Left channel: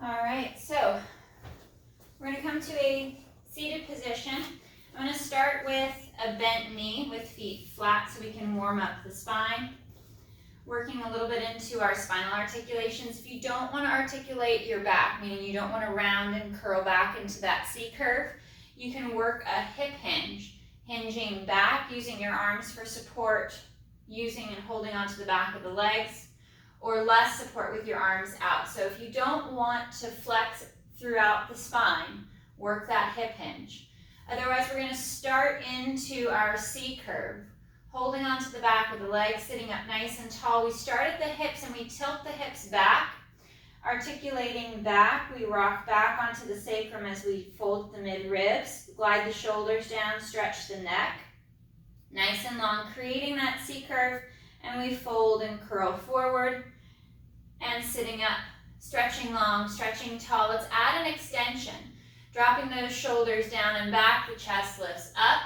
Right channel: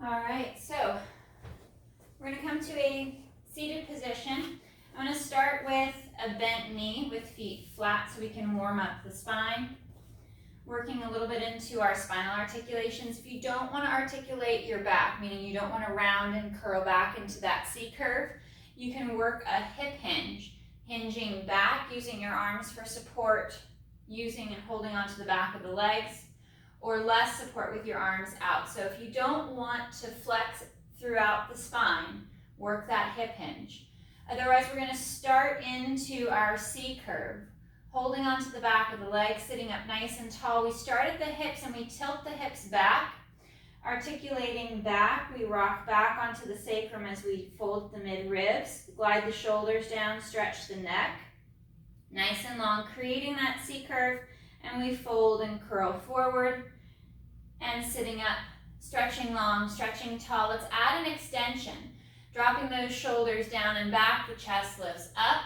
All right, so we're going to come to a seated position. I'm going to start with a bent knee with feet flat so we can warm up the spine. Working a little bit into our spinal articulations. If you don't want to articulate your back, meaning you don't want to round and curl back into that C curve, you can work a hip hinge, hinging back, using your arms for support, using and holding onto the back of the legs, or less support with your arms out. So if you don't want to flex throughout the spine, work that hip hinge. Otherwise, we're going to start into our C curve, holding onto the back of the legs, sitting up nice and tall. We start at the hips and we tilt the hips back, articulating back. We rock back onto the sacrum as we fold the mid-ribs, glide the shoulders down, stretch the neck, nice and long, creating that C curve, and we fold and curl forward, and sitting up, stretching long, stretching tall. Let's add an extension, dropping those shoulders down and back, the chest lifts up,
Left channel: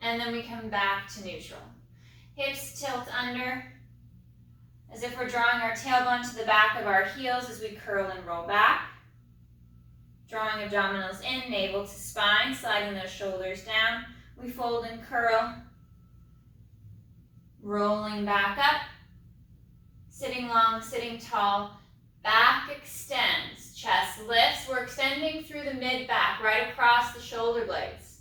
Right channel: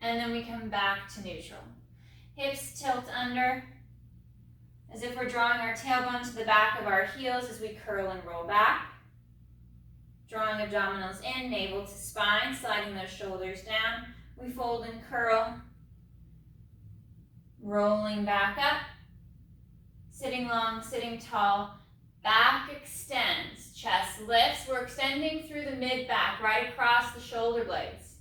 and then we come back to neutral. Hips tilt under, as if we're drawing our tailbone to the back of our heels as we curl and roll back. Drawing abdominals in, navel to spine, sliding those shoulders down. We fold and curl, rolling back up, sitting long, sitting tall, back extends, chest lifts. We're extending through the mid-back, right across the shoulder blades.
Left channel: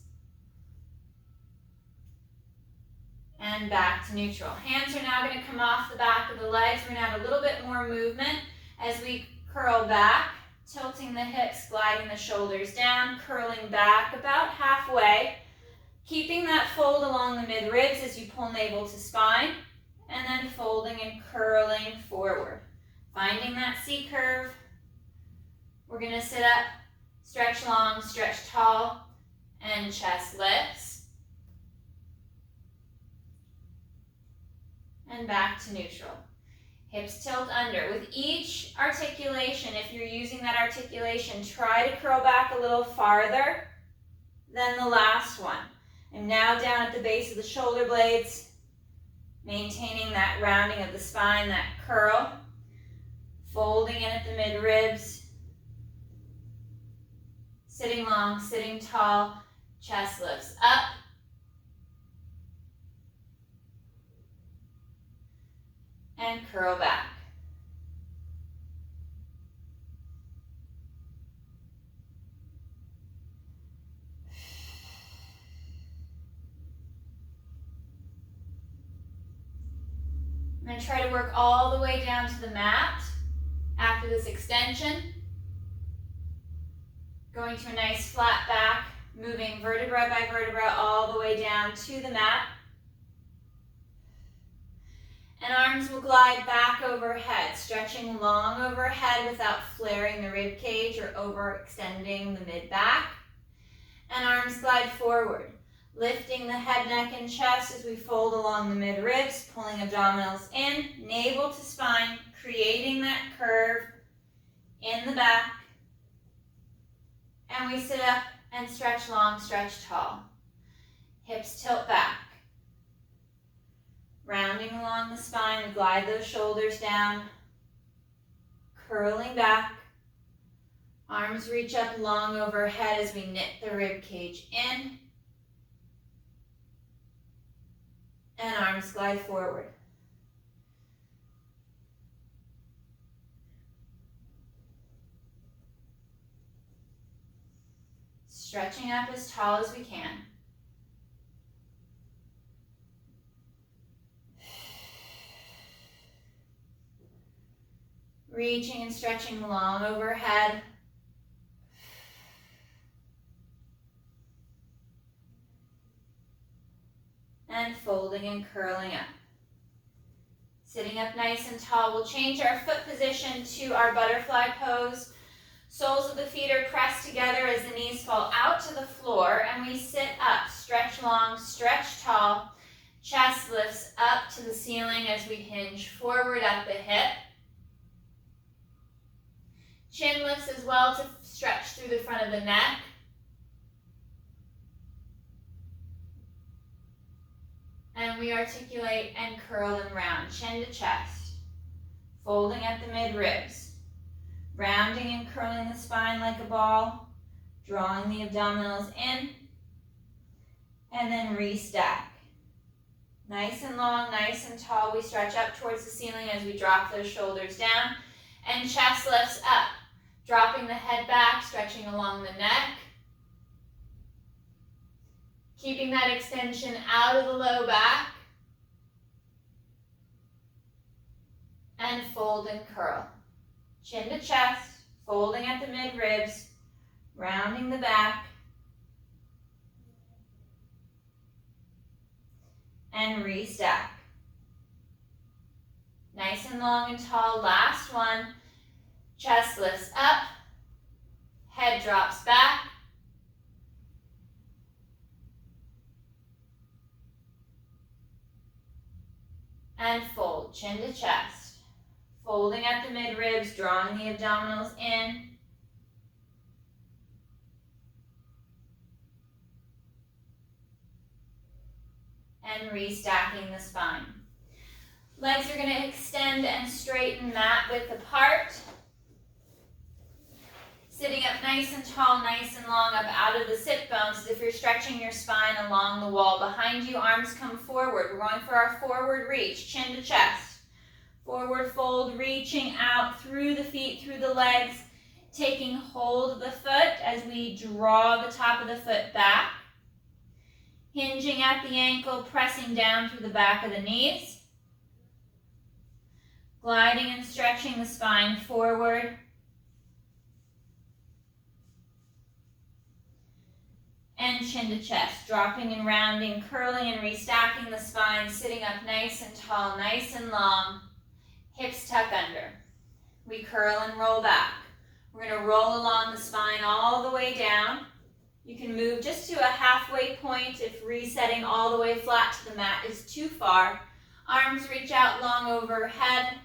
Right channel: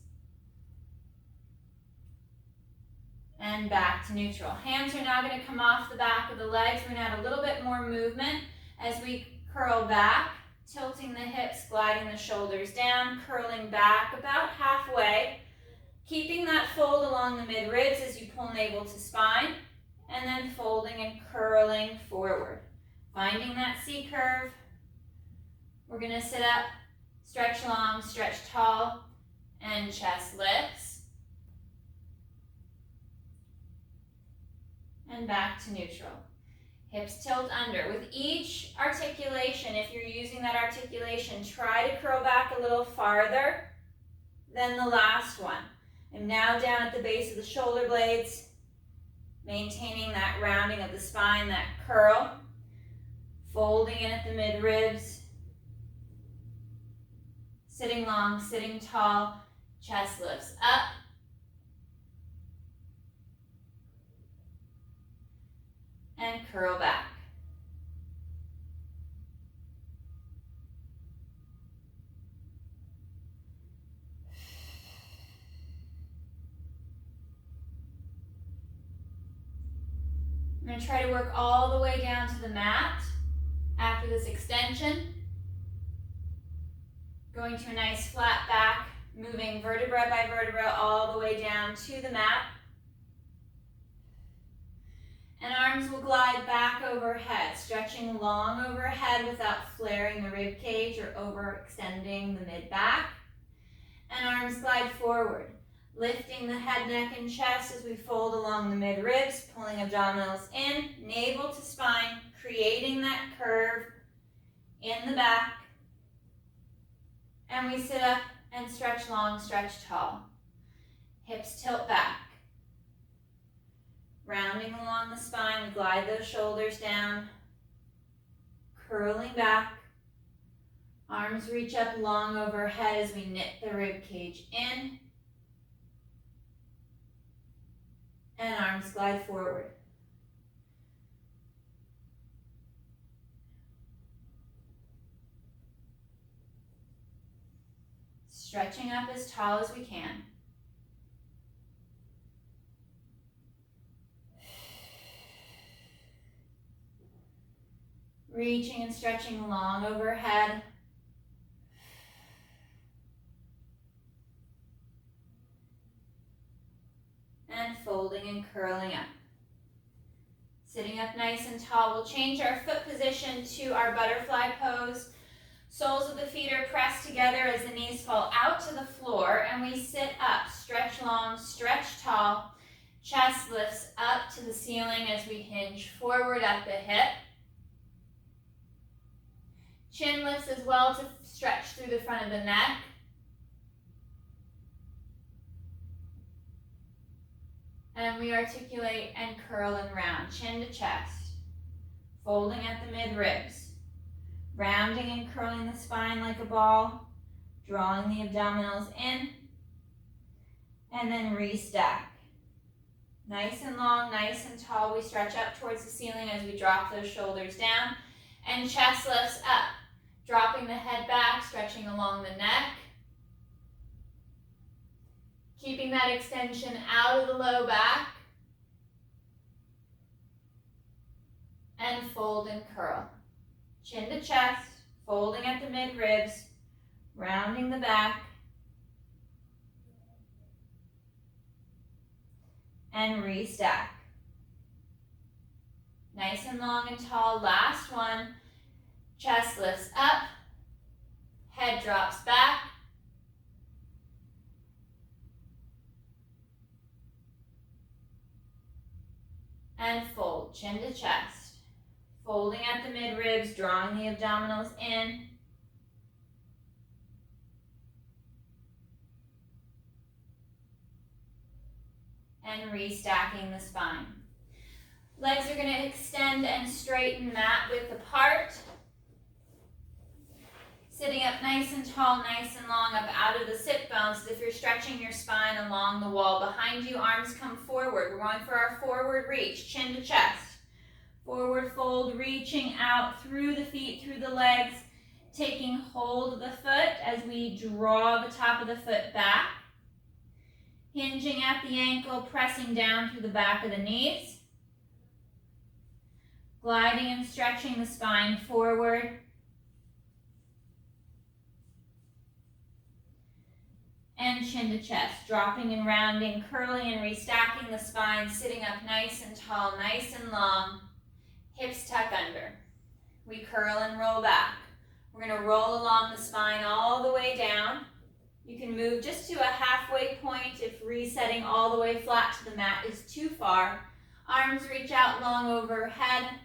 And back to neutral. Hands are now going to come off the back of the legs. We're going to add a little bit more movement as we curl back, tilting the hips, gliding the shoulders down, curling back about halfway, keeping that fold along the mid-ribs as you pull navel to spine, and then folding and curling forward. Finding that C curve. We're going to sit up, stretch long, stretch tall, and chest lifts. And back to neutral. Hips tilt under. With each articulation, if you're using that articulation, try to curl back a little farther than the last one. I'm now down at the base of the shoulder blades, maintaining that rounding of the spine, that curl, folding in at the mid-ribs, sitting long, sitting tall, chest lifts up, and curl back. I'm going to try to work all the way down to the mat after this extension. Going to a nice flat back, moving vertebra by vertebra all the way down to the mat. And arms will glide back overhead, stretching long overhead without flaring the rib cage or overextending the mid-back. And arms glide forward, lifting the head, neck, and chest as we fold along the mid-ribs, pulling abdominals in, navel to spine, creating that curve in the back. And we sit up and stretch long, stretch tall. Hips tilt back. Rounding along the spine, we glide those shoulders down, curling back. Arms reach up long overhead as we knit the rib cage in. And arms glide forward. Stretching up as tall as we can. Reaching and stretching long overhead. And folding and curling up. Sitting up nice and tall. We'll change our foot position to our butterfly pose. Soles of the feet are pressed together as the knees fall out to the floor, and we sit up. Stretch long, stretch tall. Chest lifts up to the ceiling as we hinge forward at the hip. Chin lifts as well to stretch through the front of the neck. And we articulate and curl and round, chin to chest. folding at the mid-ribs, rounding and curling the spine like a ball, drawing the abdominals in, and then restack. Nice and long, nice and tall. We stretch up towards the ceiling as we drop those shoulders down, and chest lifts up, dropping the head back, stretching along the neck, keeping that extension out of the low back, and fold and curl. Chin to chest, folding at the mid-ribs, rounding the back, and restack. Nice and long and tall. Last one. Chest lifts up, head drops back, and fold, chin to chest. Folding at the mid-ribs, drawing the abdominals in, and restacking the spine. Legs are going to extend and straighten mat width apart. Sitting up nice and tall, nice and long, up out of the sit bones. As if you're stretching your spine along the wall. Behind you, arms come forward. We're going for our forward reach, chin to chest. Forward fold, reaching out through the feet, through the legs, taking hold of the foot as we draw the top of the foot back. Hinging at the ankle, pressing down through the back of the knees. Gliding and stretching the spine forward. And chin to chest, dropping and rounding, curling and restacking the spine, sitting up nice and tall, nice and long. Hips tuck under. We curl and roll back. We're going to roll along the spine all the way down. You can move just to a halfway point if resetting all the way flat to the mat is too far. Arms reach out long overhead.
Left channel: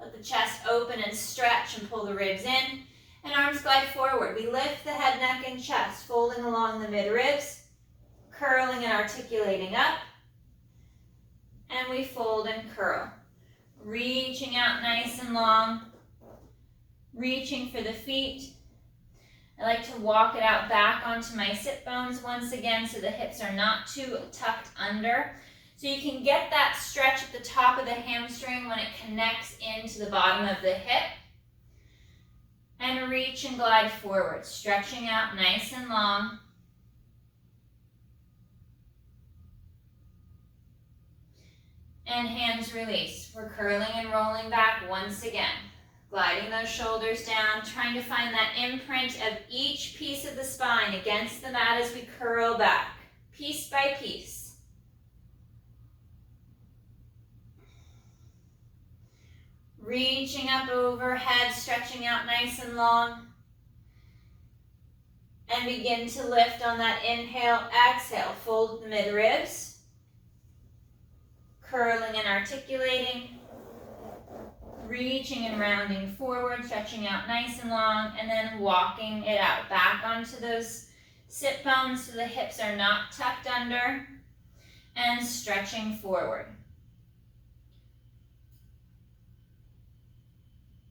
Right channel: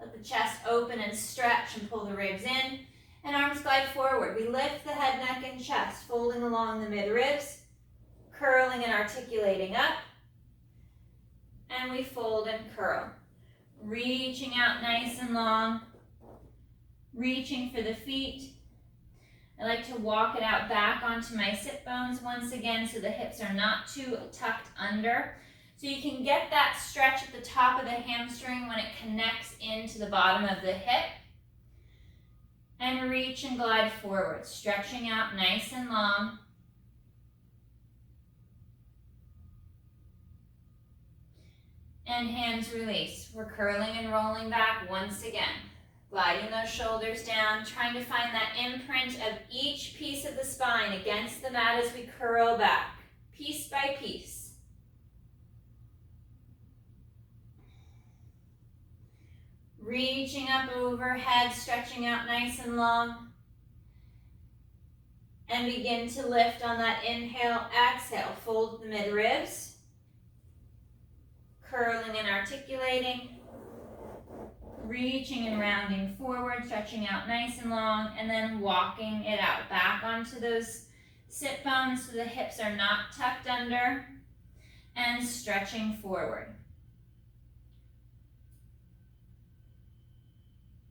Let the chest open and stretch and pull the ribs in. And arms glide forward. We lift the head, neck, and chest, folding along the mid-ribs, curling and articulating up. And we fold and curl. Reaching out nice and long. Reaching for the feet. I like to walk it out back onto my sit bones once again so the hips are not too tucked under. So you can get that stretch at the top of the hamstring when it connects into the bottom of the hip. And reach and glide forward, stretching out nice and long. And hands release. We're curling and rolling back once again. Gliding those shoulders down, trying to find that imprint of each piece of the spine against the mat as we curl back, piece by piece. Reaching up overhead, stretching out nice and long. And begin to lift on that inhale, exhale. Fold the mid-ribs. Curling and articulating. Reaching and rounding forward, stretching out nice and long, and then walking it out. Back onto those sit bones so the hips are not tucked under. And stretching forward.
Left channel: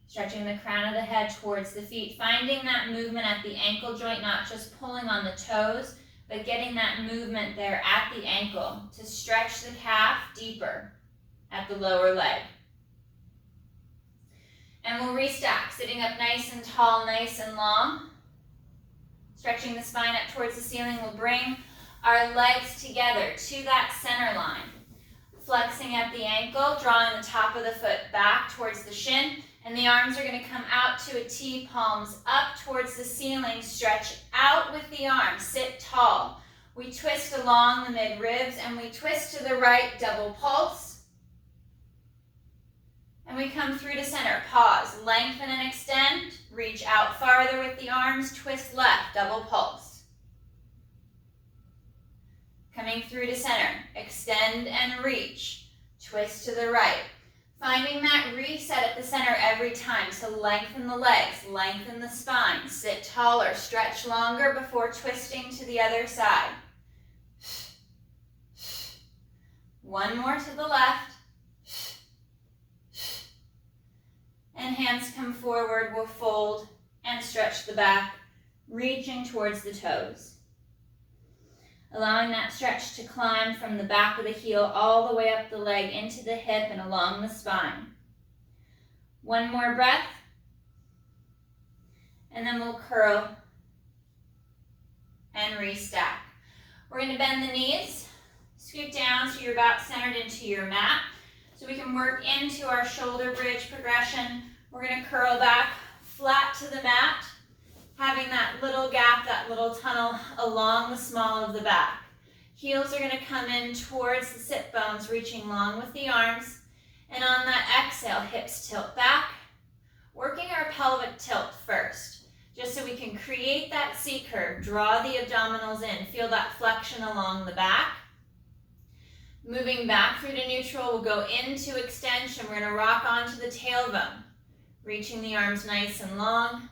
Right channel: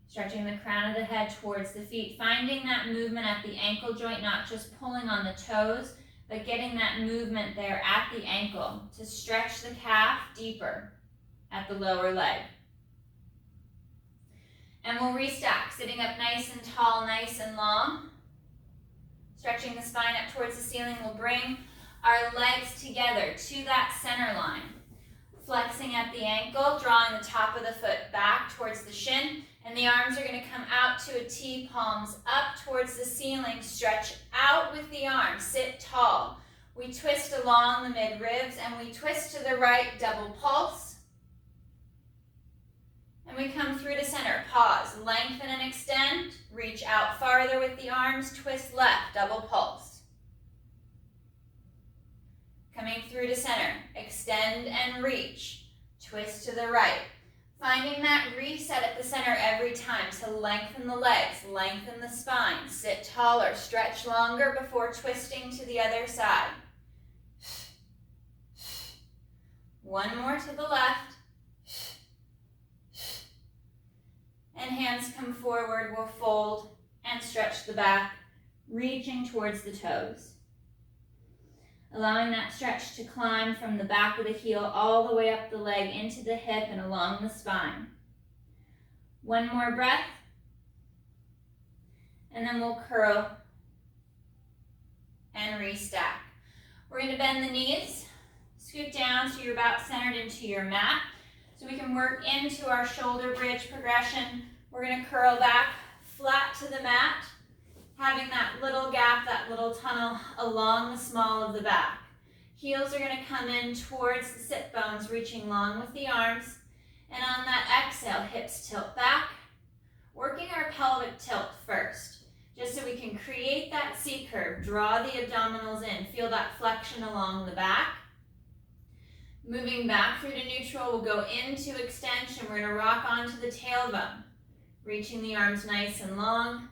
Stretching the crown of the head towards the feet, finding that movement at the ankle joint, not just pulling on the toes, but getting that movement there at the ankle to stretch the calf deeper at the lower leg. And we'll restack, sitting up nice and tall, nice and long. Stretching the spine up towards the ceiling, we'll bring our legs together to that center line. Flexing at the ankle, drawing the top of the foot back towards the shin. And the arms are going to come out to a T, palms up towards the ceiling. Stretch out with the arms. Sit tall. We twist along the mid-ribs and we twist to the right, double pulse. And we come through to center. Pause, lengthen and extend. Reach out farther with the arms. Twist left, double pulse. Coming through to center. Extend and reach. Twist to the right. Finding that reset at the center every time to lengthen the legs, lengthen the spine, sit taller, stretch longer before twisting to the other side. One more to the left. Hands come forward, we'll fold and stretch the back, reaching towards the toes. Allowing that stretch to climb from the back of the heel all the way up the leg into the hip and along the spine. One more breath, and then we'll curl and restack. We're going to bend the knees, scoot down so you're about centered into your mat, so we can work into our shoulder bridge progression. We're going to curl back flat to the mat, having that little gap, that little tunnel along the small of the back. Heels are going to come in towards the sit bones, reaching long with the arms. And on that exhale, hips tilt back, working our pelvic tilt first, just so we can create that C curve. Draw the abdominals in, feel that flexion along the back. Moving back through to neutral, we'll go into extension. We're going to rock onto the tailbone, reaching the arms nice and long.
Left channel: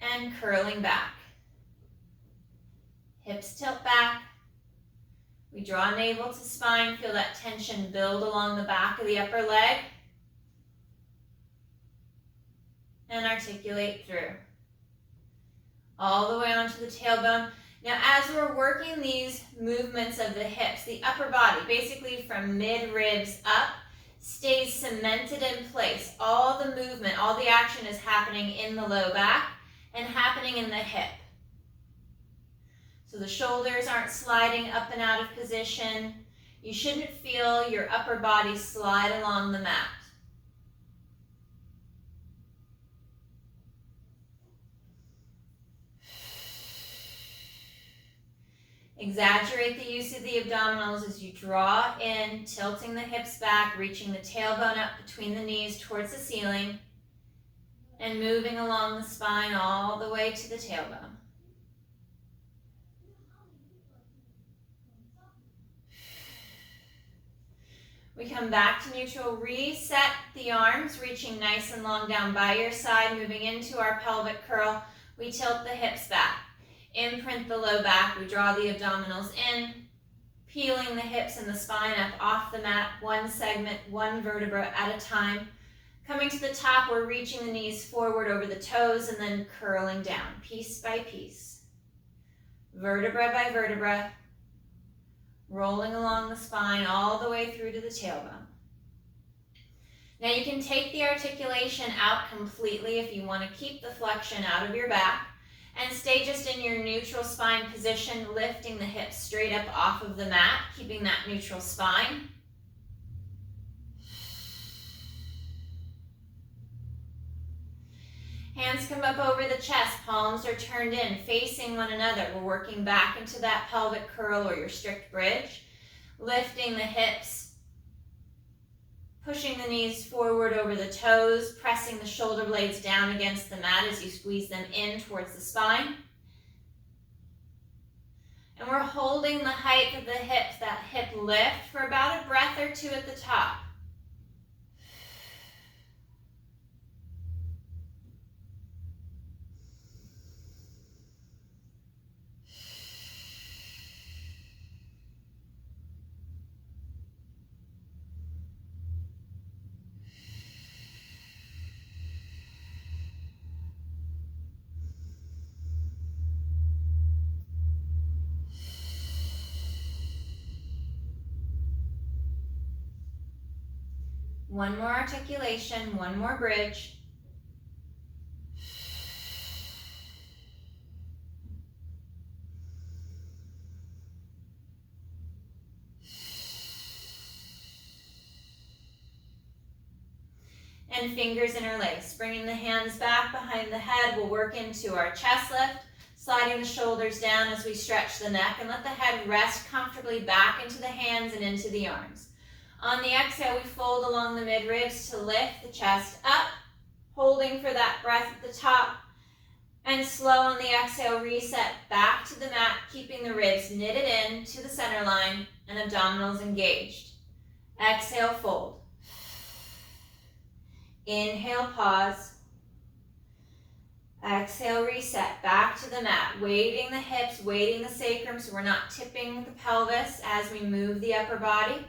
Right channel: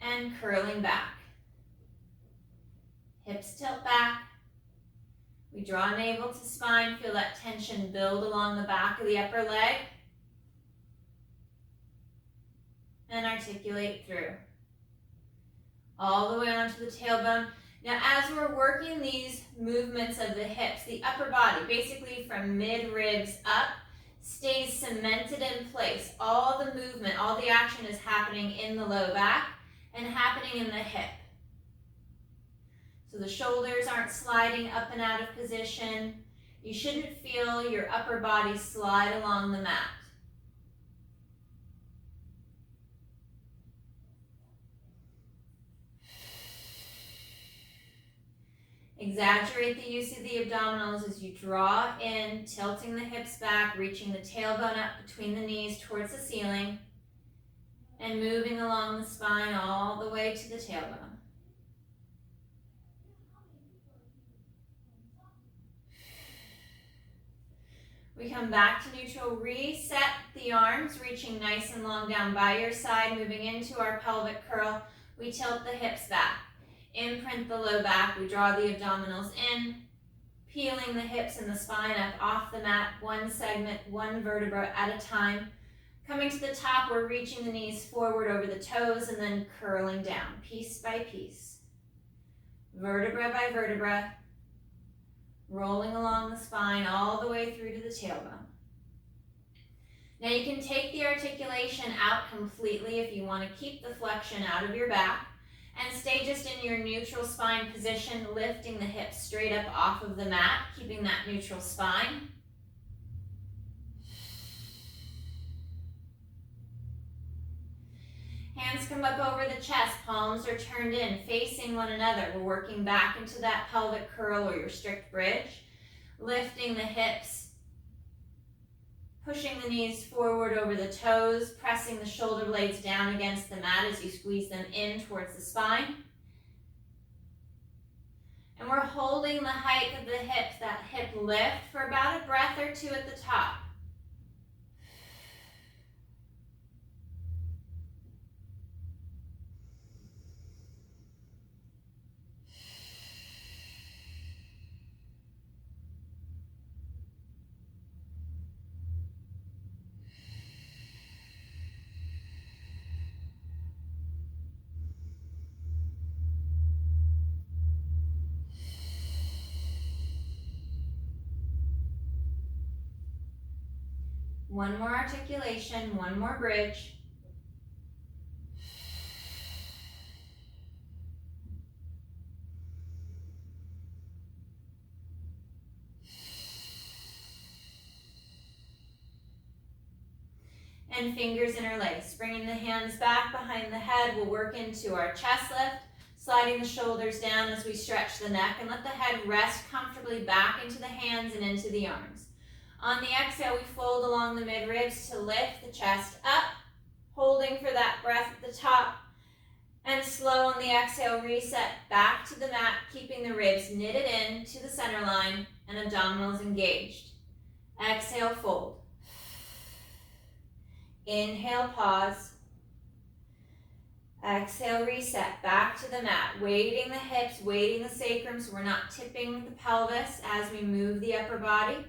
And curling back. Hips tilt back. We draw navel to spine, feel that tension build along the back of the upper leg. And articulate through. All the way onto the tailbone. Now as we're working these movements of the hips, the upper body, basically from mid-ribs up, stays cemented in place. All the movement, all the action is happening in the low back and happening in the hip. So the shoulders aren't sliding up and out of position. You shouldn't feel your upper body slide along the mat. Exaggerate the use of the abdominals as you draw in, tilting the hips back, reaching the tailbone up between the knees towards the ceiling, and moving along the spine all the way to the tailbone. We come back to neutral, reset the arms, reaching nice and long down by your side, moving into our pelvic curl. We tilt the hips back, imprint the low back, we draw the abdominals in, peeling the hips and the spine up off the mat, one segment, one vertebra at a time. Coming to the top, we're reaching the knees forward over the toes and then curling down, piece by piece. Vertebra by vertebra, rolling along the spine all the way through to the tailbone. Now you can take the articulation out completely if you want to keep the flexion out of your back and stay just in your neutral spine position, lifting the hips straight up off of the mat, keeping that neutral spine. Hands come up over the chest, palms are turned in, facing one another. We're working back into that pelvic curl or your strict bridge, lifting the hips, pushing the knees forward over the toes, pressing the shoulder blades down against the mat as you squeeze them in towards the spine. And we're holding the height of the hips, that hip lift, for about a breath or two at the top. One more articulation, one more bridge. And fingers interlace. Bringing the hands back behind the head, we'll work into our chest lift, sliding the shoulders down as we stretch the neck and let the head rest comfortably back into the hands and into the arms. On the exhale, we fold along the mid-ribs to lift the chest up, holding for that breath at the top. And slow on the exhale, reset back to the mat, keeping the ribs knitted in to the center line and abdominals engaged. Exhale, fold. Inhale, pause. Exhale, reset back to the mat, weighting the hips, weighting the sacrum so we're not tipping the pelvis as we move the upper body.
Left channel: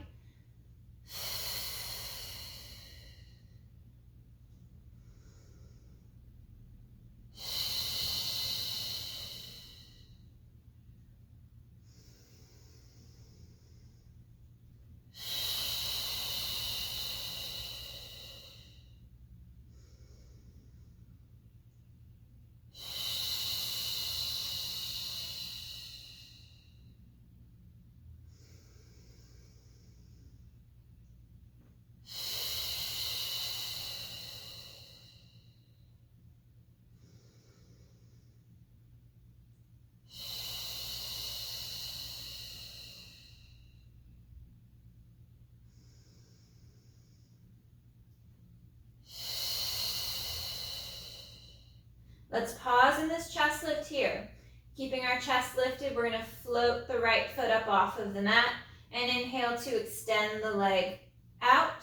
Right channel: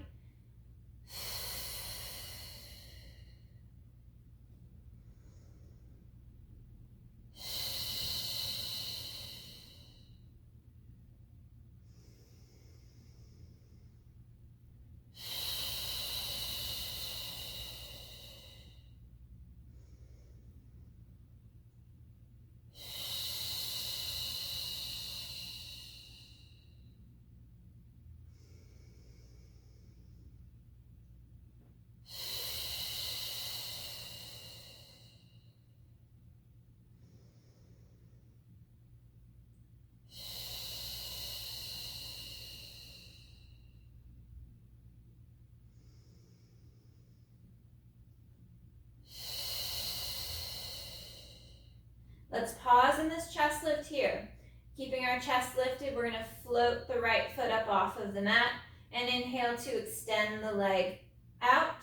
chest lift here. Keeping our chest lifted, we're gonna float the right foot up off of the mat and inhale to extend the leg out.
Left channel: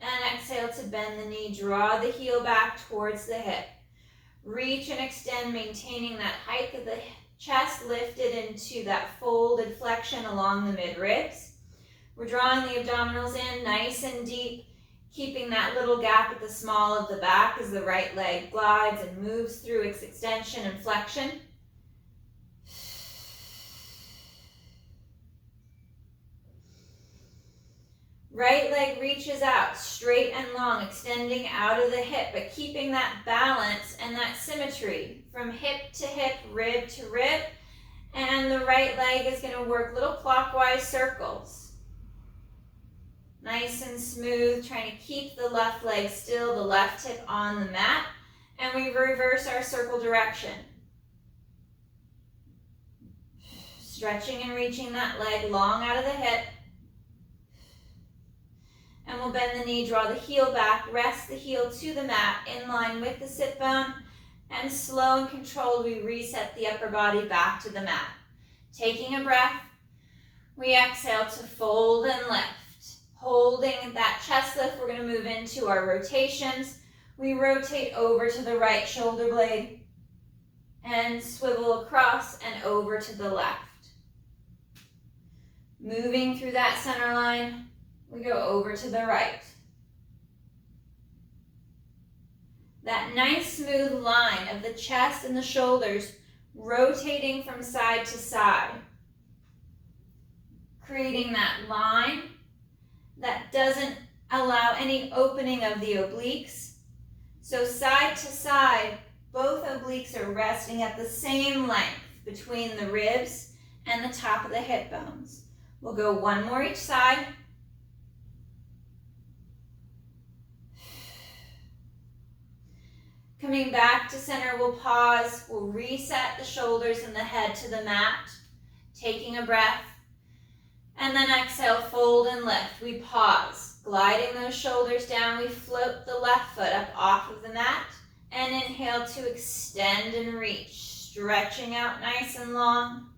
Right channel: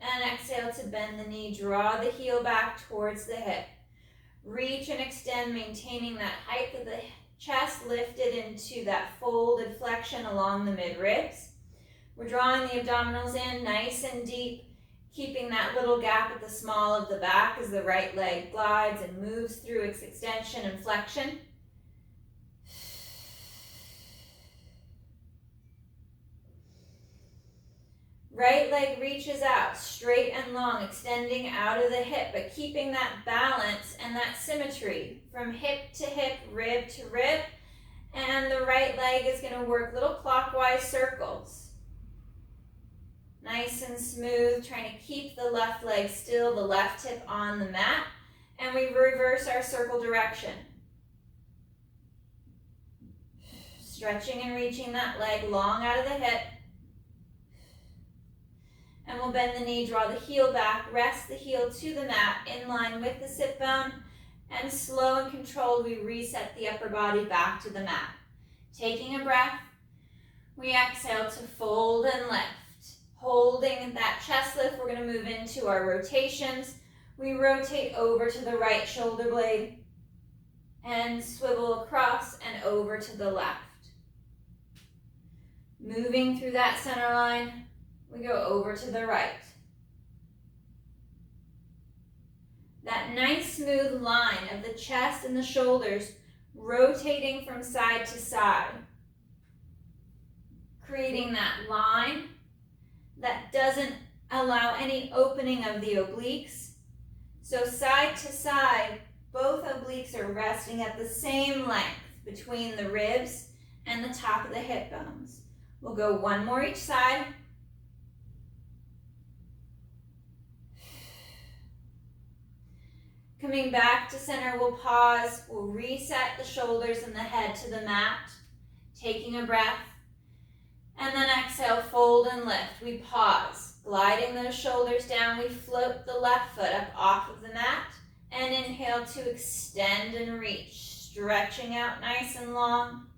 And exhale to bend the knee, draw the heel back towards the hip. Reach and extend, maintaining that height of the chest lifted into that folded flexion along the mid-ribs. We're drawing the abdominals in nice and deep, keeping that little gap at the small of the back as the right leg glides and moves through its extension and flexion. Right leg reaches out, straight and long, extending out of the hip, but keeping that balance and that symmetry from hip to hip, rib to rib. And the right leg is going to work little clockwise circles. Nice and smooth, trying to keep the left leg still, the left hip on the mat. And we reverse our circle direction. Stretching and reaching that leg long out of the hip. And we'll bend the knee, draw the heel back, rest the heel to the mat in line with the sit bone, and slow and controlled, we reset the upper body back to the mat. Taking a breath, we exhale to fold and lift. Holding that chest lift, we're going to move into our rotations. We rotate over to the right shoulder blade and swivel across and over to the left. Moving through that center line, we go over to the right. That nice smooth line of the chest and the shoulders rotating from side to side. Creating that line that doesn't allow any opening of the obliques. So side to side, both obliques are resting at the same length between the ribs and the top of the hip bones. We'll go one more each side. Coming back to center, we'll pause. We'll reset the shoulders and the head to the mat. Taking a breath. And then exhale, fold and lift. We pause. Gliding those shoulders down, we float the left foot up off of the mat. And inhale to extend and reach. Stretching out nice and long.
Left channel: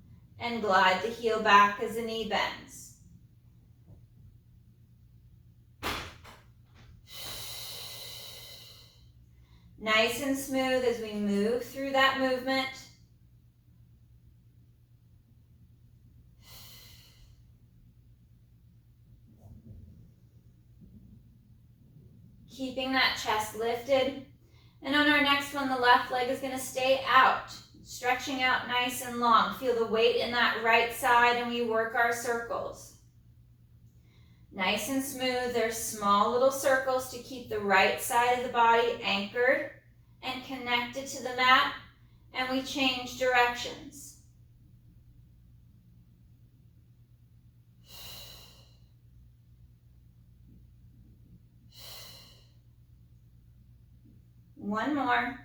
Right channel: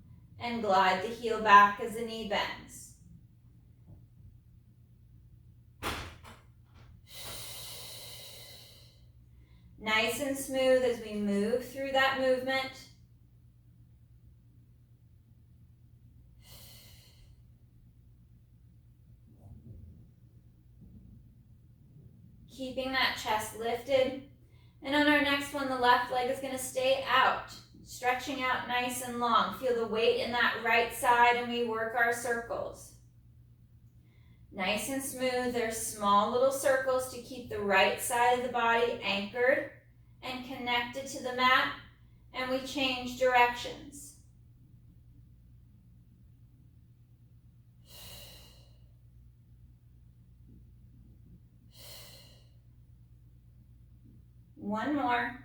And glide the heel back as the knee bends. Nice and smooth as we move through that movement. Keeping that chest lifted. And on our next one, the left leg is going to stay out, stretching out nice and long. Feel the weight in that right side, and we work our circles. Nice and smooth. There's small little circles to keep the right side of the body anchored and connected to the mat, and we change directions. One more.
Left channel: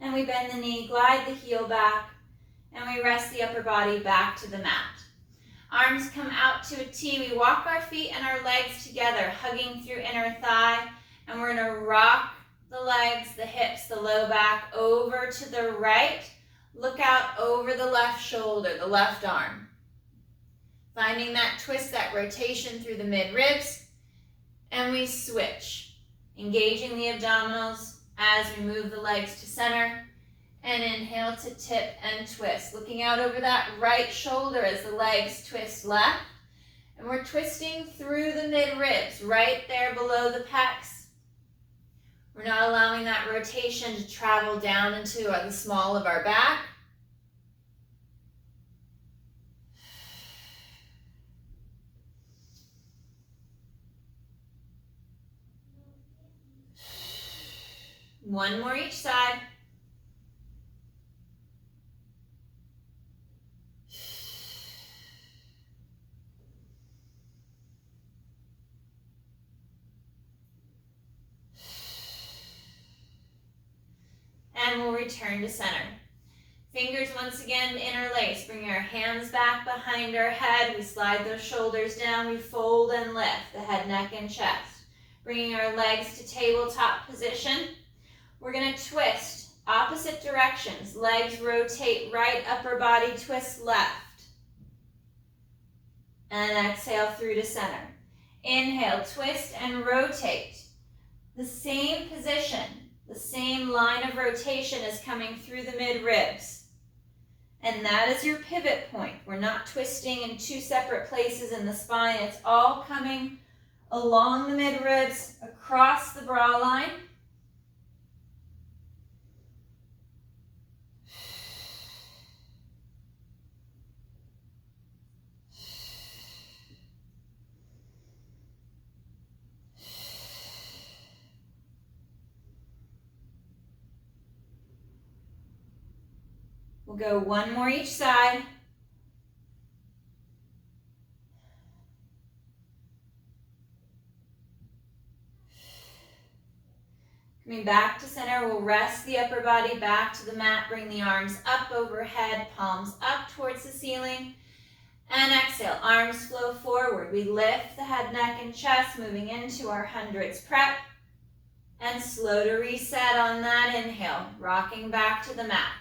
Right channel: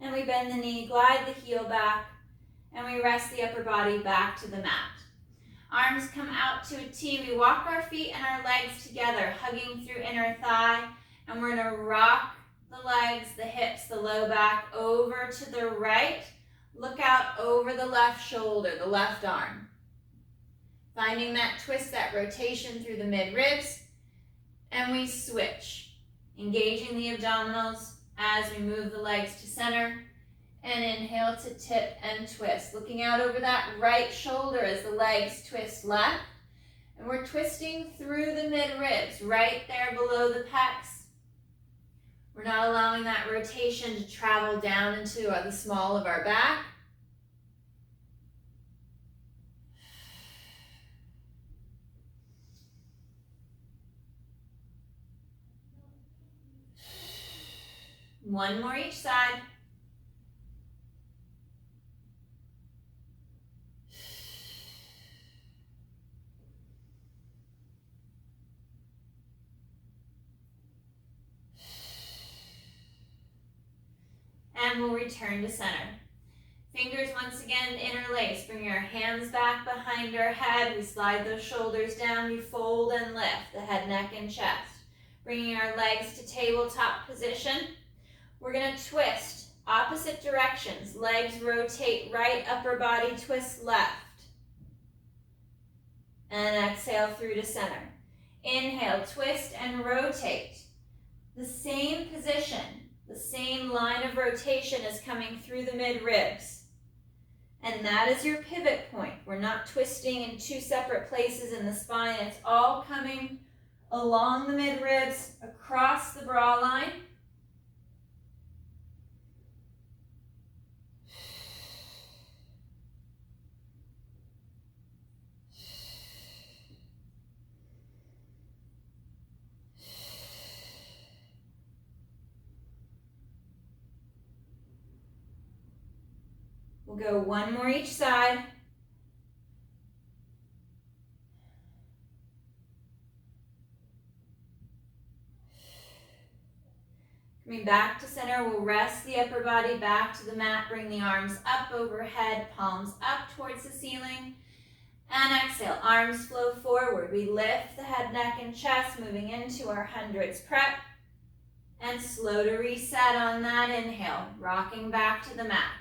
And we bend the knee, glide the heel back, and we rest the upper body back to the mat. Arms come out to a T. We walk our feet and our legs together, hugging through inner thigh, and we're going to rock the legs, the hips, the low back over to the right. Look out over the left shoulder, the left arm. Finding that twist, that rotation through the mid-ribs, and we switch. Engaging the abdominals as we move the legs to center, and inhale to tip and twist. Looking out over that right shoulder as the legs twist left, and we're twisting through the mid-ribs, right there below the pecs. We're not allowing that rotation to travel down into the small of our back. One more each side. And we'll return to center. Fingers once again interlace. Bring our hands back behind our head. We slide those shoulders down. We fold and lift the head, neck, and chest. Bringing our legs to tabletop position. We're going to twist Opposite directions. Legs rotate right, upper body twist left. And exhale through to center. Inhale, twist and rotate. The same position, the same line of rotation is coming through the mid-ribs. And that is your pivot point. We're not twisting in two separate places in the spine. It's all coming along the mid-ribs, across the bra line. We'll go one more each side. Coming back to center, we'll rest the upper body back to the mat, bring the arms up overhead, palms up towards the ceiling, and exhale, arms flow forward. We lift the head, neck, and chest, moving into our hundreds prep, and slow to reset on that inhale, rocking back to the mat.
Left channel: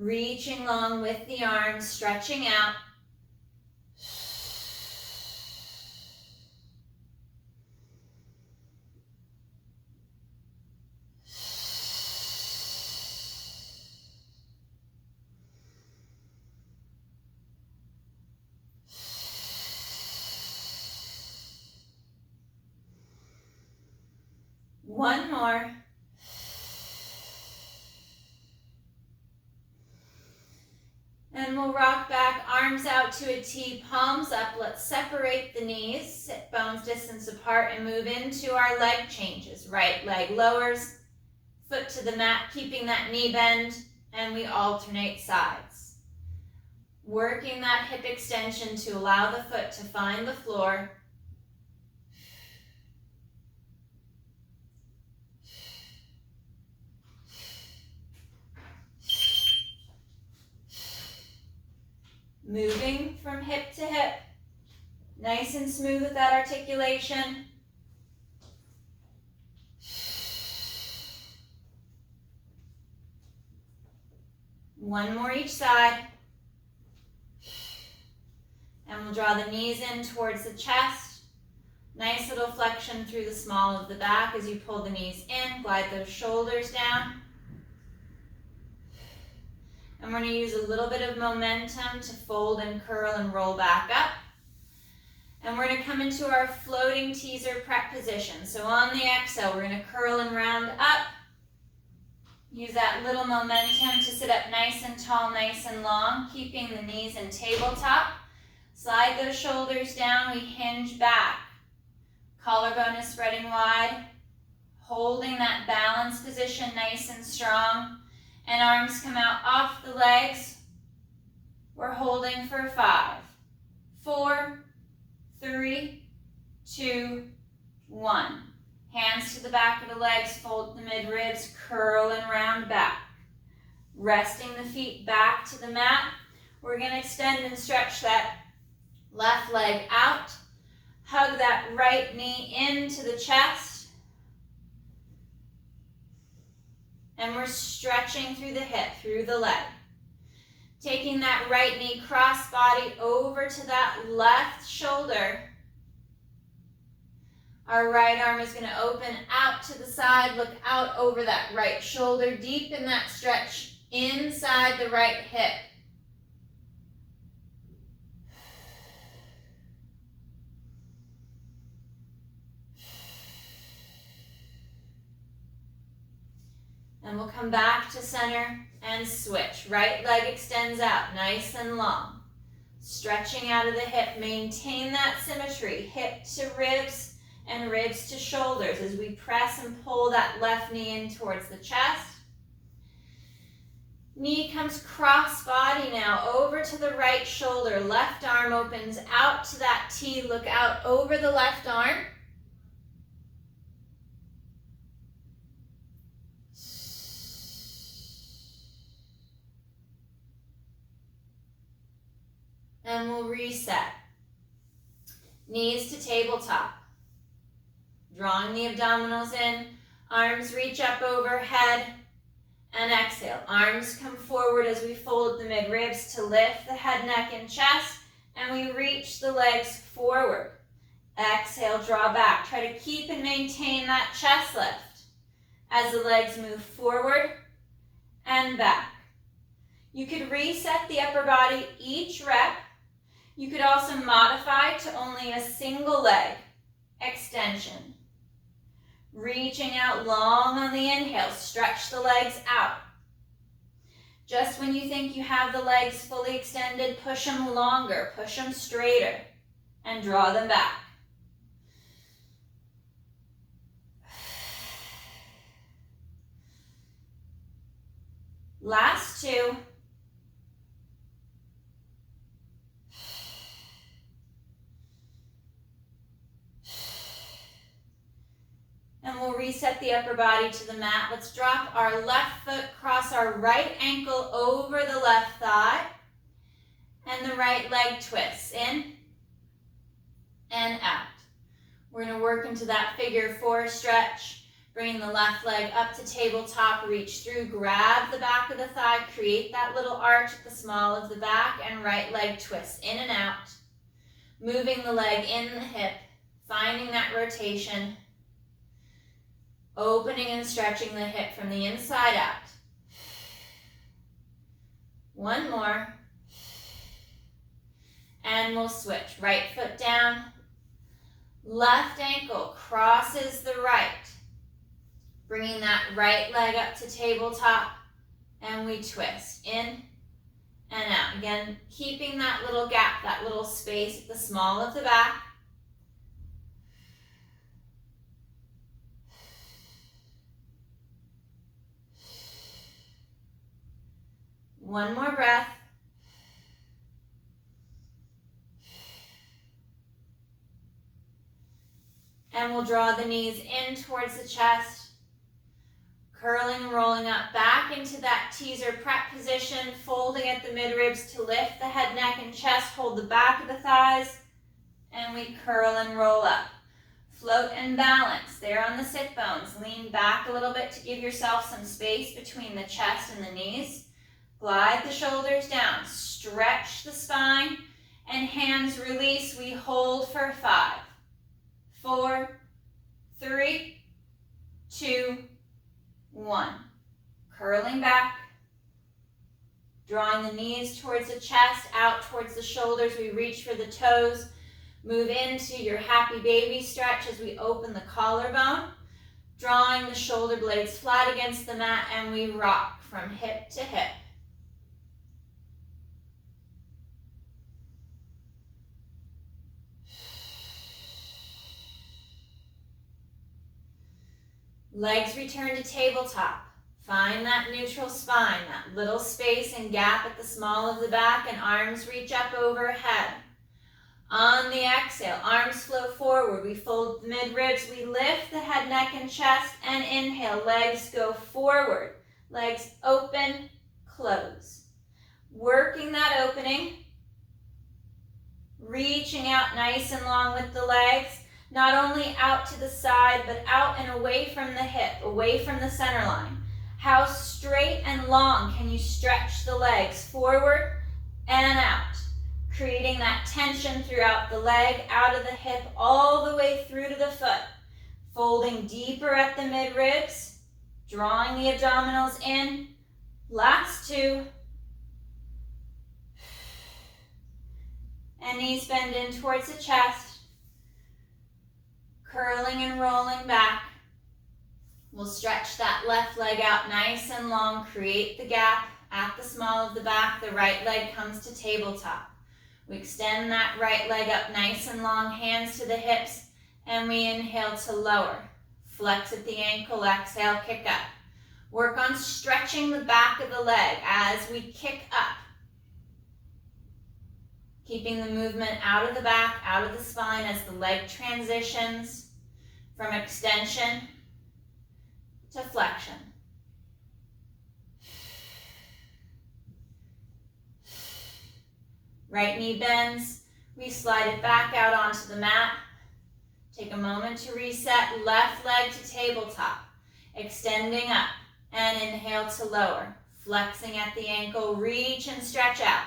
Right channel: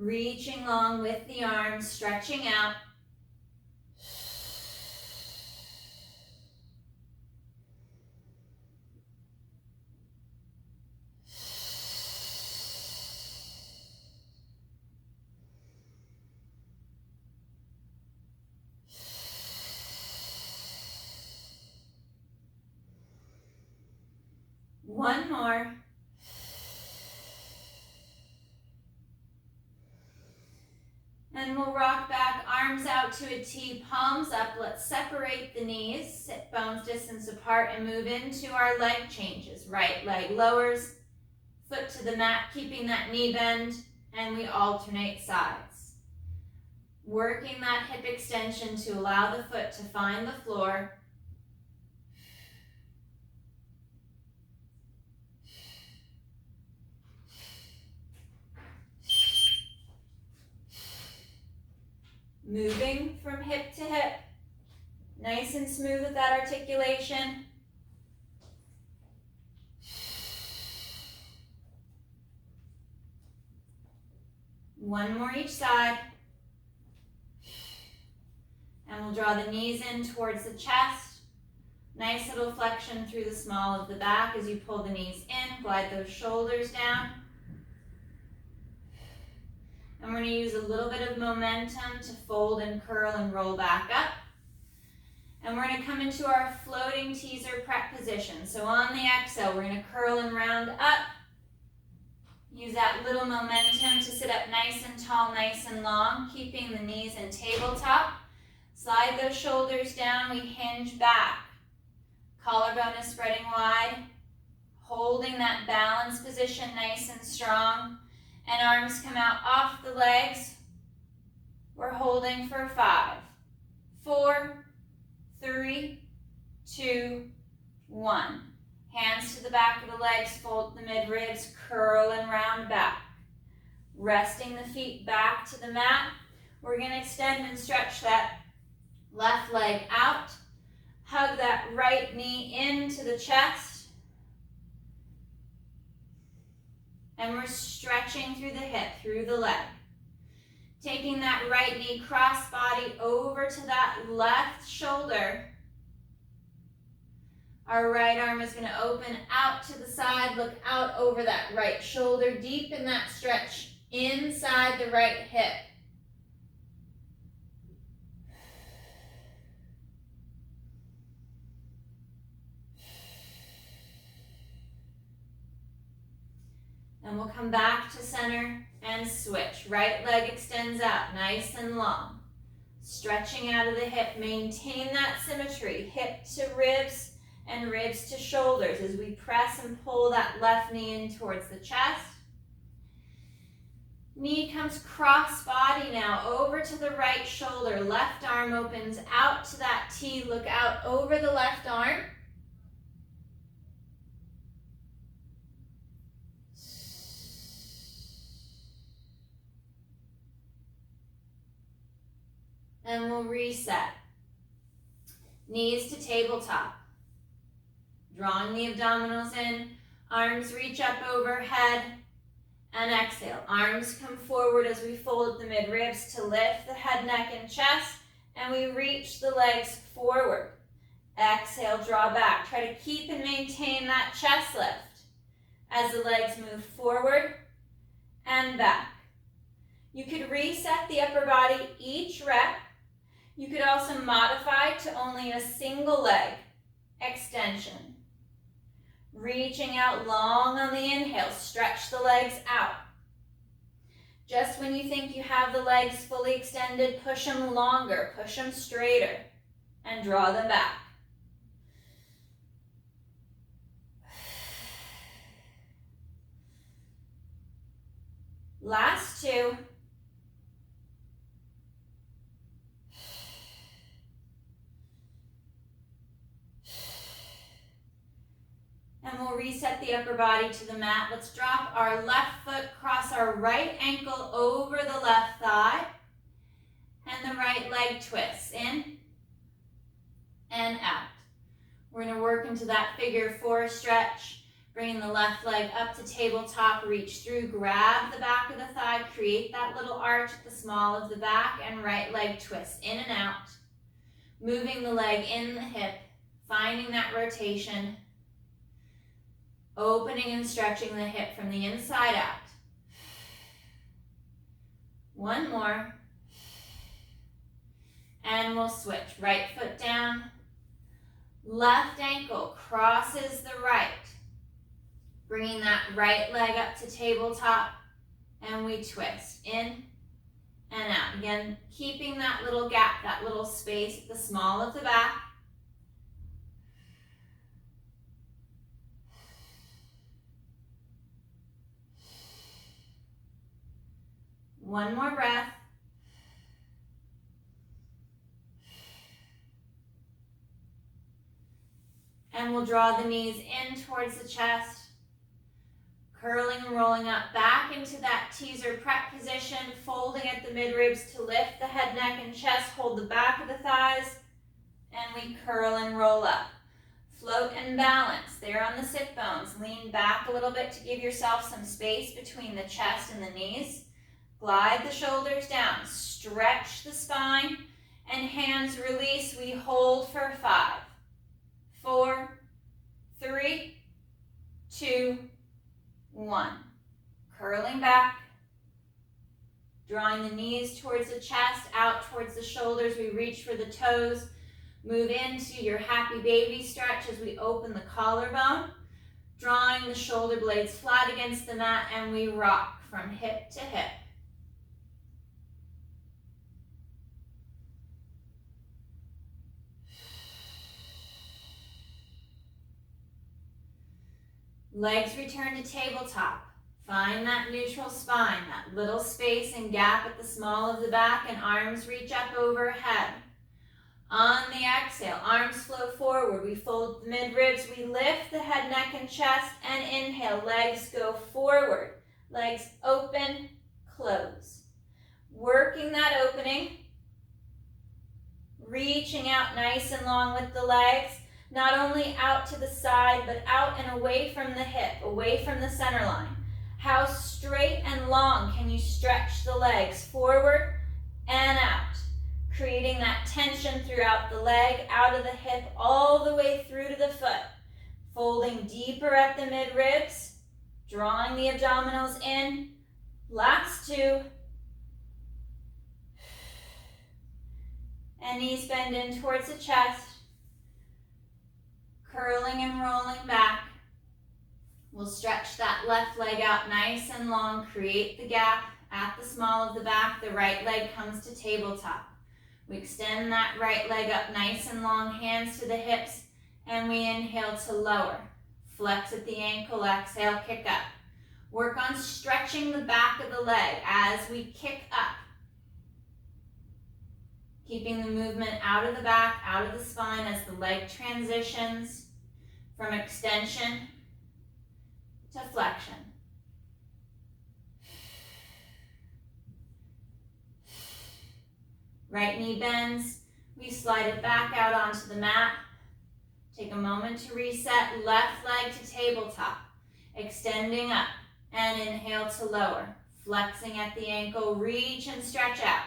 Reaching long with the arms, stretching out. One more. And we'll rock back, arms out to a T, palms up. Let's separate the knees, sit bones distance apart, and move into our leg changes. Right leg lowers, foot to the mat, keeping that knee bend, and we alternate sides. Working that hip extension to allow the foot to find the floor. Moving from hip to hip, nice and smooth with that articulation. One more each side. And we'll draw the knees in towards the chest. Nice little flexion through the small of the back as you pull the knees in, glide those shoulders down. And we're going to use a little bit of momentum to fold and curl and roll back up. And we're going to come into our floating teaser prep position. So on the exhale, we're going to curl and round up. Use that little momentum to sit up nice and tall, nice and long, keeping the knees in tabletop. Slide those shoulders down, we hinge back. Collarbone is spreading wide. Holding that balance position nice and strong. And arms come out off the legs. We're holding for 5, 4, 3, 2, 1. Hands to the back of the legs, fold the mid-ribs, curl and round back. Resting the feet back to the mat. We're going to extend and stretch that left leg out. Hug that right knee into the chest. And we're stretching through the hip, through the leg. Taking that right knee cross body over to that left shoulder. Our right arm is going to open out to the side, look out over that right shoulder, deepen that stretch inside the right hip. And we'll come back to center and switch. Right leg extends out, nice and long. Stretching out of the hip, maintain that symmetry, hip to ribs and ribs to shoulders as we press and pull that left knee in towards the chest. Knee comes cross body now over to the right shoulder. Left arm opens out to that T, look out over the left arm. And we'll reset. Knees to tabletop. Drawing the abdominals in, arms reach up overhead, and exhale. Arms come forward as we fold the mid-ribs to lift the head, neck, and chest, and we reach the legs forward. Exhale, draw back. Try to keep and maintain that chest lift as the legs move forward and back. You could reset the upper body each rep. You could also modify to only a single leg extension. Reaching out long on the inhale, stretch the legs out. Just when you think you have the legs fully extended, push them longer, push them straighter, and draw them back. Last two. And we'll reset the upper body to the mat. Let's drop our left foot, cross our right ankle over the left thigh, and the right leg twists in and out. We're going to work into that figure four stretch, bringing the left leg up to tabletop, reach through, grab the back of the thigh, create that little arch at the small of the back, and right leg twist in and out. Moving the leg in the hip, finding that rotation, opening and stretching the hip from the inside out. One more. And we'll switch. Right foot down. Left ankle crosses the right. Bringing that right leg up to tabletop. And we twist in and out. Again, keeping that little gap, that little space at the small of the back. One more breath. And we'll draw the knees in towards the chest, curling and rolling up back into that teaser prep position, folding at the mid-ribs to lift the head, neck, and chest, hold the back of the thighs, and we curl and roll up. Float and balance there on the sit bones. Lean back a little bit to give yourself some space between the chest and the knees. Glide the shoulders down, stretch the spine, and hands release. We hold for 5, 4, 3, 2, 1. Curling back, drawing the knees towards the chest, out towards the shoulders. We reach for the toes. Move into your happy baby stretch as we open the collarbone, drawing the shoulder blades flat against the mat, and we rock from hip to hip. Legs return to tabletop. Find that neutral spine, that little space and gap at the small of the back, and arms reach up overhead. On the exhale, arms flow forward. We fold the mid-ribs. We lift the head, neck, and chest, and inhale. Legs go forward. Legs open, close. Working that opening. Reaching out nice and long with the legs. Not only out to the side, but out and away from the hip, away from the center line. How straight and long can you stretch the legs forward and out, creating that tension throughout the leg, out of the hip, all the way through to the foot. Folding deeper at the mid-ribs, drawing the abdominals in. Last two. And knees bend in towards the chest. Curling and rolling back. We'll stretch that left leg out nice and long. Create the gap at the small of the back. The right leg comes to tabletop. We extend that right leg up nice and long, hands to the hips, and we inhale to lower. Flex at the ankle, exhale, kick up. Work on stretching the back of the leg as we kick up. Keeping the movement out of the back, out of the spine as the leg transitions from extension to flexion. Right knee bends. We slide it back out onto the mat. Take a moment to reset. Left leg to tabletop. Extending up. And inhale to lower. Flexing at the ankle. Reach and stretch out.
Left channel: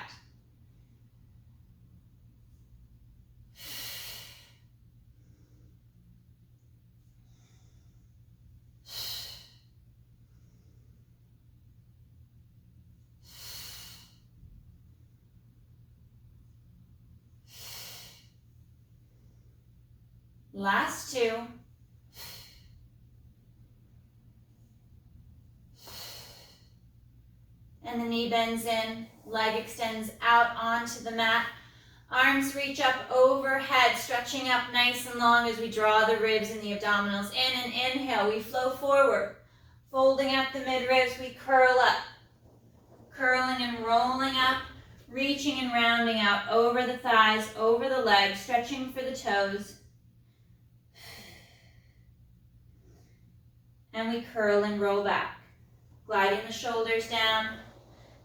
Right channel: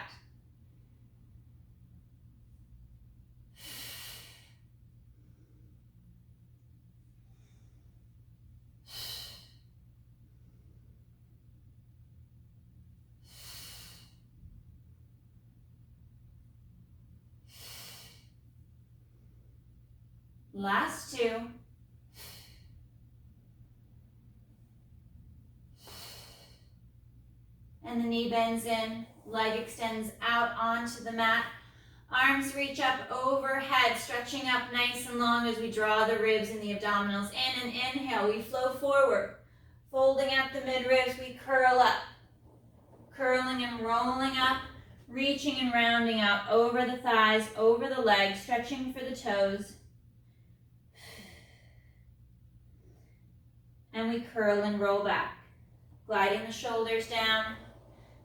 Last two. And the knee bends in, leg extends out onto the mat. Arms reach up overhead, stretching up nice and long as we draw the ribs and the abdominals in. And inhale, we flow forward. Folding at the midribs, we curl up. Curling and rolling up, reaching and rounding out over the thighs, over the legs, stretching for the toes. And we curl and roll back, gliding the shoulders down,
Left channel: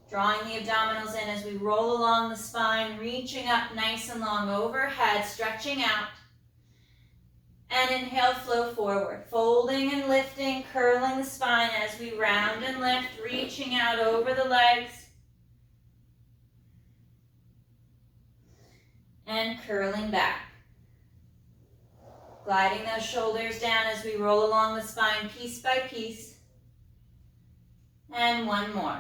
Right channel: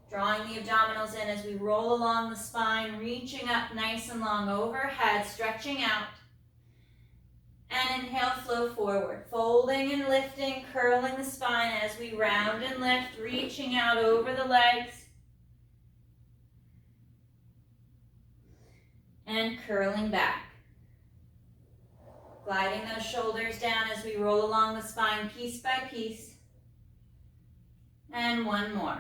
drawing the abdominals in as we roll along the spine, reaching up nice and long overhead, stretching out. And inhale, flow forward, folding and lifting, curling the spine as we round and lift, reaching out over the legs. And curling back. Gliding those shoulders down as we roll along the spine piece by piece. And one more.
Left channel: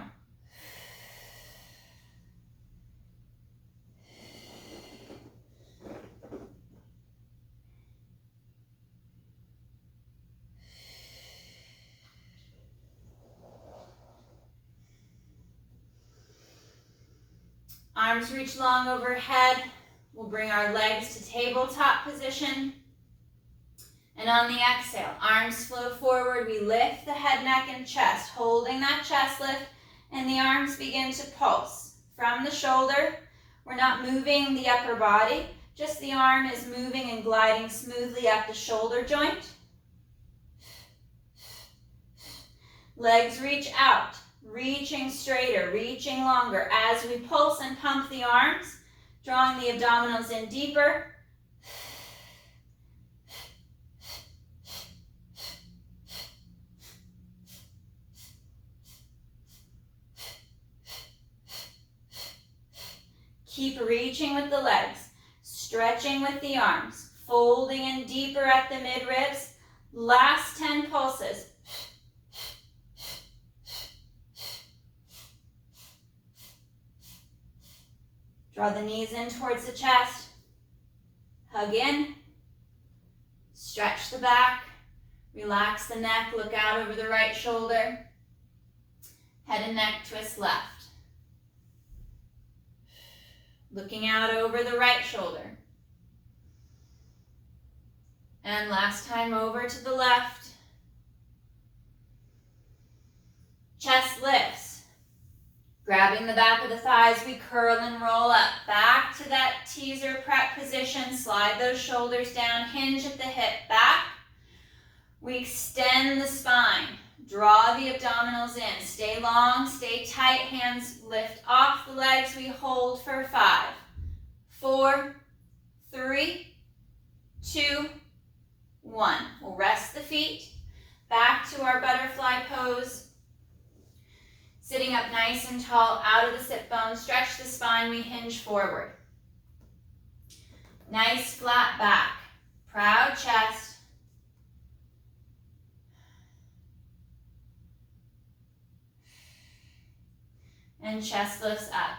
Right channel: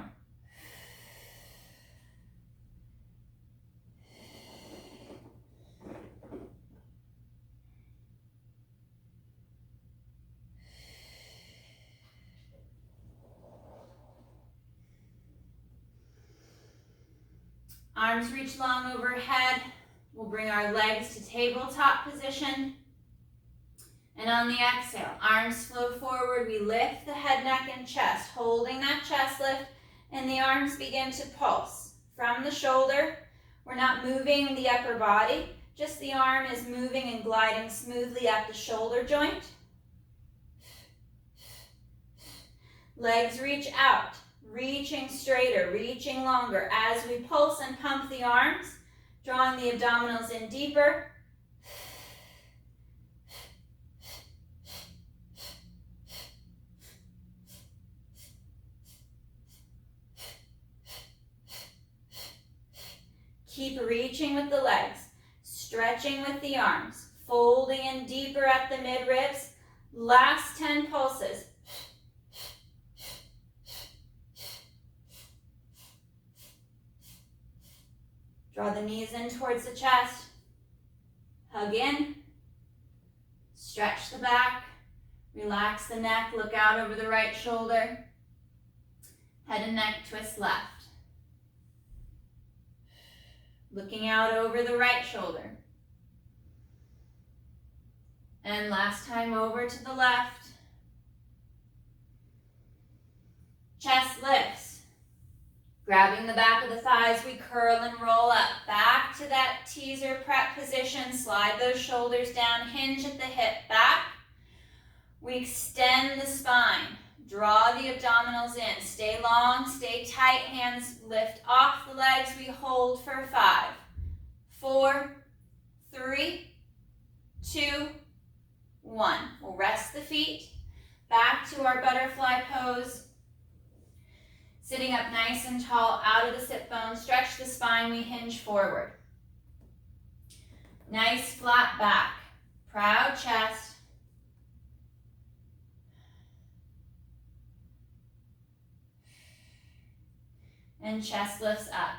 Arms reach long overhead. We'll bring our legs to tabletop position. And on the exhale, arms flow forward. We lift the head, neck, and chest, holding that chest lift, and the arms begin to pulse from the shoulder. We're not moving the upper body, just the arm is moving and gliding smoothly up the shoulder joint. Legs reach out, reaching straighter, reaching longer as we pulse and pump the arms, drawing the abdominals in deeper. Keep reaching with the legs, stretching with the arms, folding in deeper at the midribs. Last 10 pulses. Draw the knees in towards the chest. Hug in. Stretch the back. Relax the neck. Look out over the right shoulder. Head and neck twist left. Looking out over the right shoulder. And last time over to the left. Chest lifts. Grabbing the back of the thighs, we curl and roll up. Back to that teaser prep position. Slide those shoulders down. Hinge at the hip back. We extend the spine. Draw the abdominals in. Stay long, stay tight. Hands lift off the legs. We hold for 5, 4, 3, 2, 1. We'll rest the feet. Back to our butterfly pose. Sitting up nice and tall, out of the sit bones. Stretch the spine. We hinge forward. Nice flat back. Proud chest. And chest lifts up.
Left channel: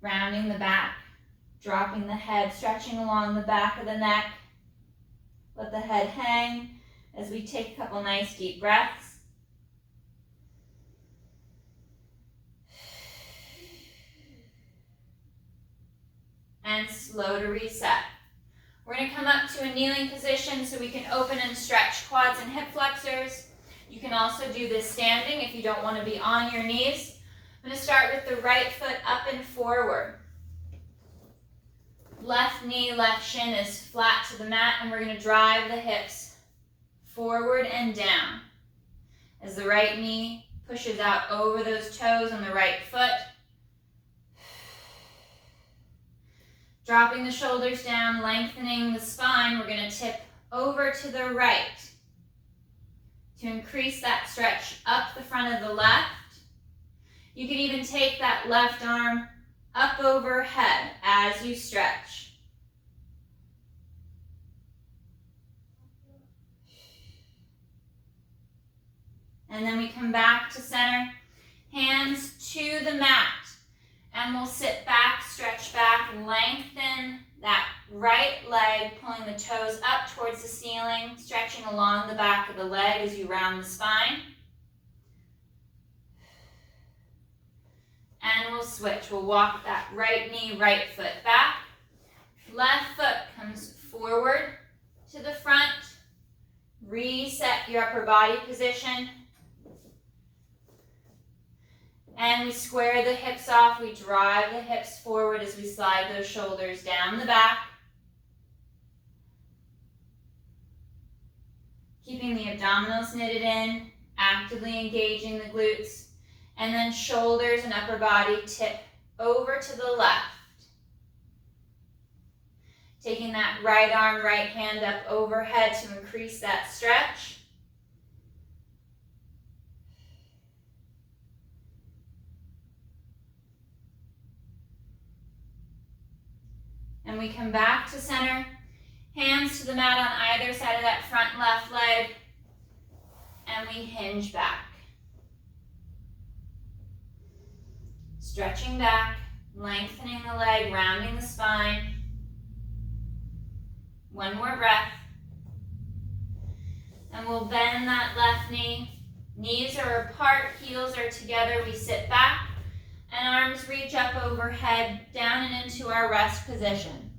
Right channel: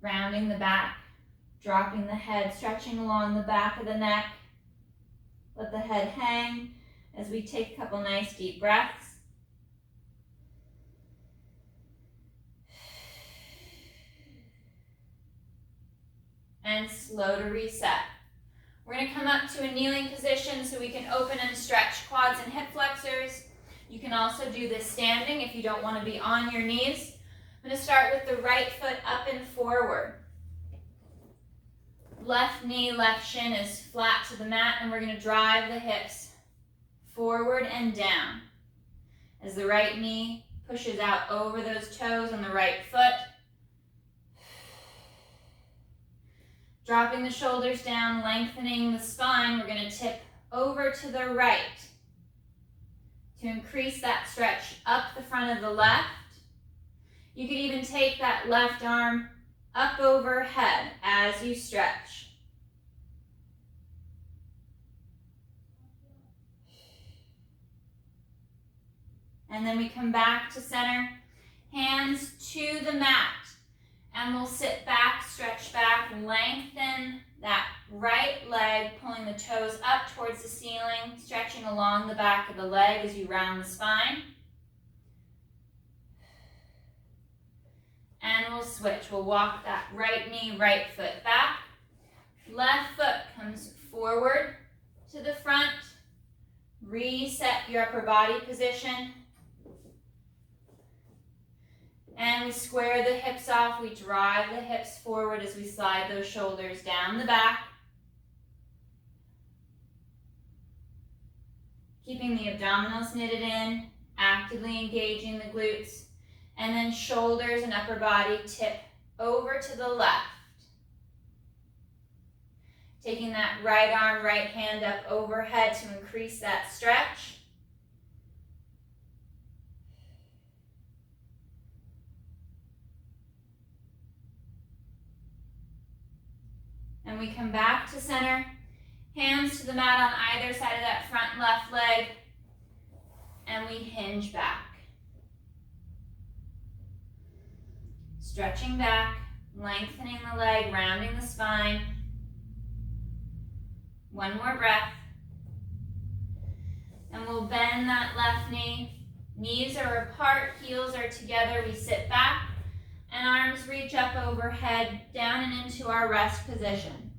Rounding the back, dropping the head, stretching along the back of the neck. Let the head hang as we take a couple nice deep breaths. And slow to reset. We're going to come up to a kneeling position so we can open and stretch quads and hip flexors. You can also do this standing if you don't want to be on your knees. I'm going to start with the right foot up and forward. Left knee, left shin is flat to the mat, and we're going to drive the hips forward and down. As the right knee pushes out over those toes on the right foot. Dropping the shoulders down, lengthening the spine, we're going to tip over to the right to increase that stretch up the front of the left. You could even take that left arm up overhead as you stretch. And then we come back to center, hands to the mat. And we'll sit back, stretch back, lengthen that right leg, pulling the toes up towards the ceiling, stretching along the back of the leg as you round the spine. And we'll switch. We'll walk that right knee, right foot back. Left foot comes forward to the front. Reset your upper body position. And we square the hips off. We drive the hips forward as we slide those shoulders down the back. Keeping the abdominals knitted in, actively engaging the glutes. And then shoulders and upper body tip over to the left. Taking that right arm, right hand up overhead to increase that stretch. And we come back to center, hands to the mat on either side of that front left leg, and we hinge back. Stretching back, lengthening the leg, rounding the spine. One more breath. And we'll bend that left knee. Knees are apart, heels are together. We sit back. And arms reach up overhead, down and into our rest position.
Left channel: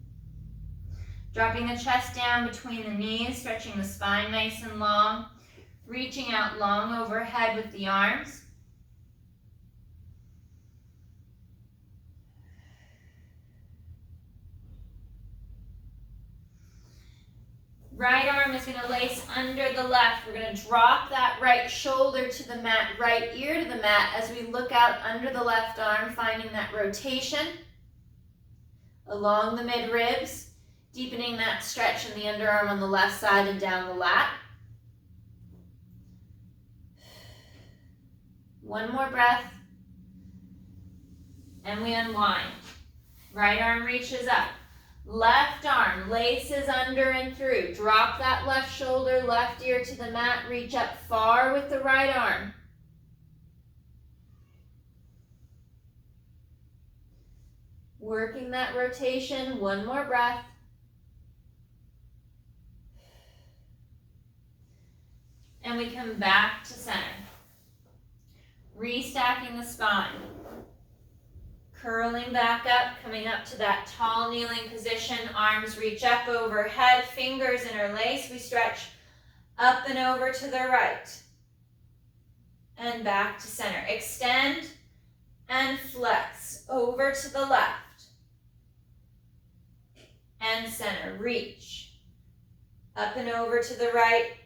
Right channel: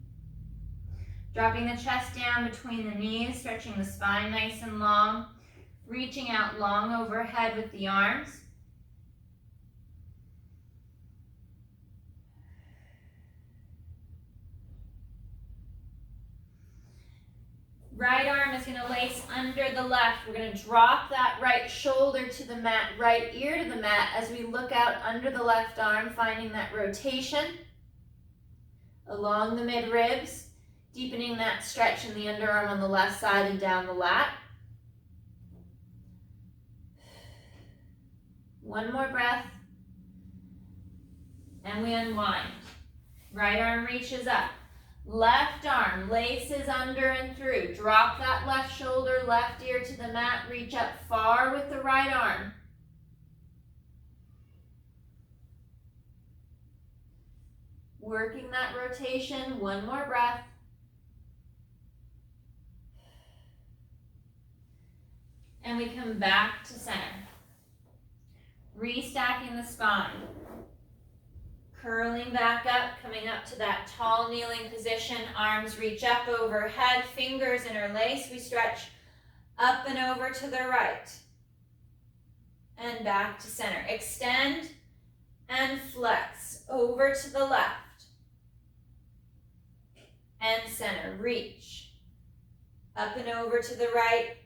Dropping the chest down between the knees, stretching the spine nice and long. Reaching out long overhead with the arms. Right arm is going to lace under the left. We're going to drop that right shoulder to the mat, right ear to the mat as we look out under the left arm, finding that rotation along the mid ribs, deepening that stretch in the underarm on the left side and down the lat. One more breath. And we unwind. Right arm reaches up. Left arm laces under and through. Drop that left shoulder, left ear to the mat. Reach up far with the right arm. Working that rotation. One more breath. And we come back to center. Restacking the spine. Curling back up, coming up to that tall kneeling position. Arms reach up overhead, fingers interlace. We stretch up and over to the right. And back to center. Extend and flex over to the left. And center. Reach. Up and over to the right.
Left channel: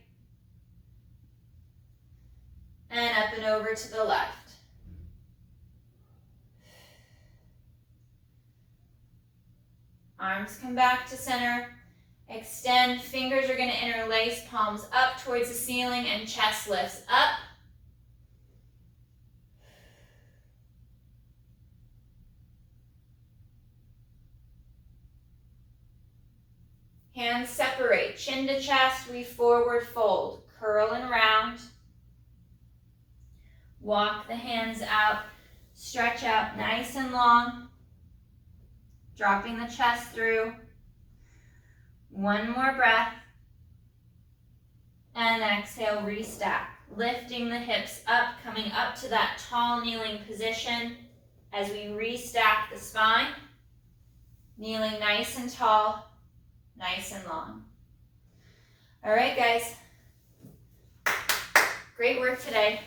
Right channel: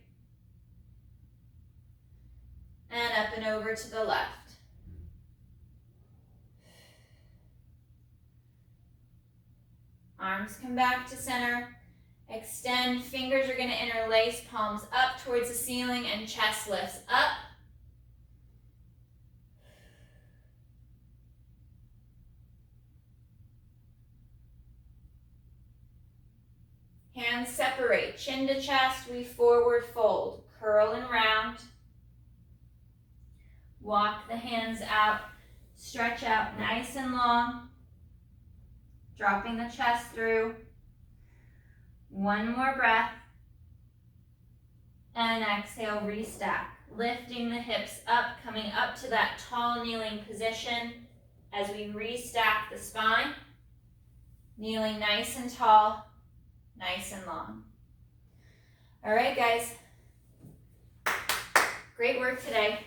And up and over to the left. Arms come back to center. Extend. Fingers are going to interlace. Palms up towards the ceiling and chest lifts up. Hands separate. Chin to chest. We forward fold. Curl and round. Walk the hands out. Stretch out nice and long. Dropping the chest through. One more breath. And exhale, restack. Lifting the hips up, coming up to that tall kneeling position as we restack the spine. Kneeling nice and tall, nice and long. All right, guys. Great work today.